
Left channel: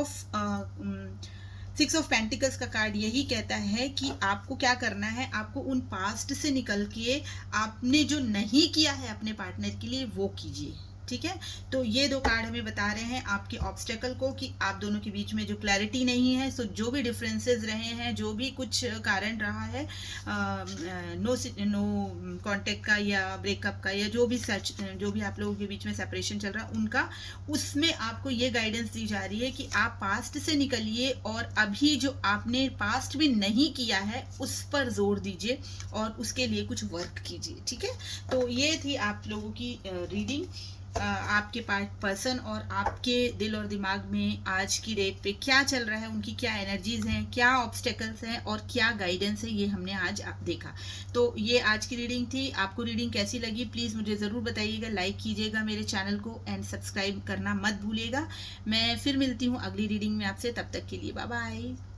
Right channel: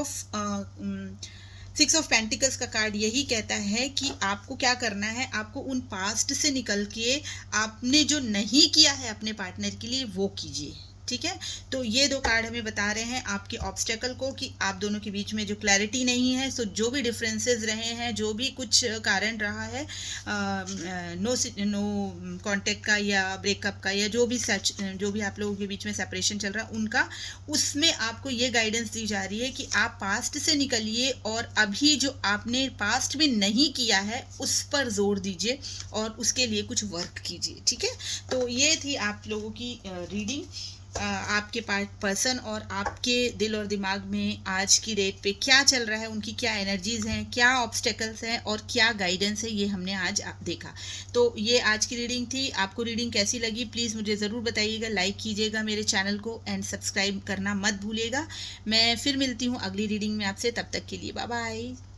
ऑफ पेंटिकल्स का कार्ड यही कहता है कि आपको क्या करना है, आपको उन पास्ट से निकल के आपने जो नहीं किया है अपने पार्टनर के लिए वो कीजिए। ठीक है, तो ये दो कार्ड हमें बता रहे हैं आपके ऑब्स्टेकल को कि आप दोनों के बीच में जो क्लैरिटी नहीं है, सो जो भी डिफरेंसेस रहे हैं, जो भी कुछ कारण रहा है, नो कांटेक्ट का या ब्रेकअप का या जो भी आप लोगों के बीच में सेपरेशन चल रहा है उनका, उसमें आपको ये गाइडेंस दी जा रही है कि आप पास्ट से निकलिए और अभी जो आपने पास्ट में नहीं किया है उस पर जोर दीजिए और उसके लिए कुछ वर्क कीजिए। ठीक है, तो ये थी आप लोगों की रीडिंग। आपके पर्सन और आपके दिल और दिमाग में आज की डेट पे क्या चल रहा है, उनकी क्या एनर्जीज हैं, क्या ऑब्स्टेकल्स हैं और क्या गाइडेंस है, ये हमने आज देखा। तो ये आज की रीडिंग थी। आपको रीडिंग कैसी लगी प्लीज़ मुझे ज़रूर बताइएगा, लाइक कीजिएगा मेरे चैनल को एंड सब्सक्राइब करना मत भूलिएगा। मैं फिर मिलती हूँ अगली रीडिंग में आपसे, तब तक के लिए बाय बाय।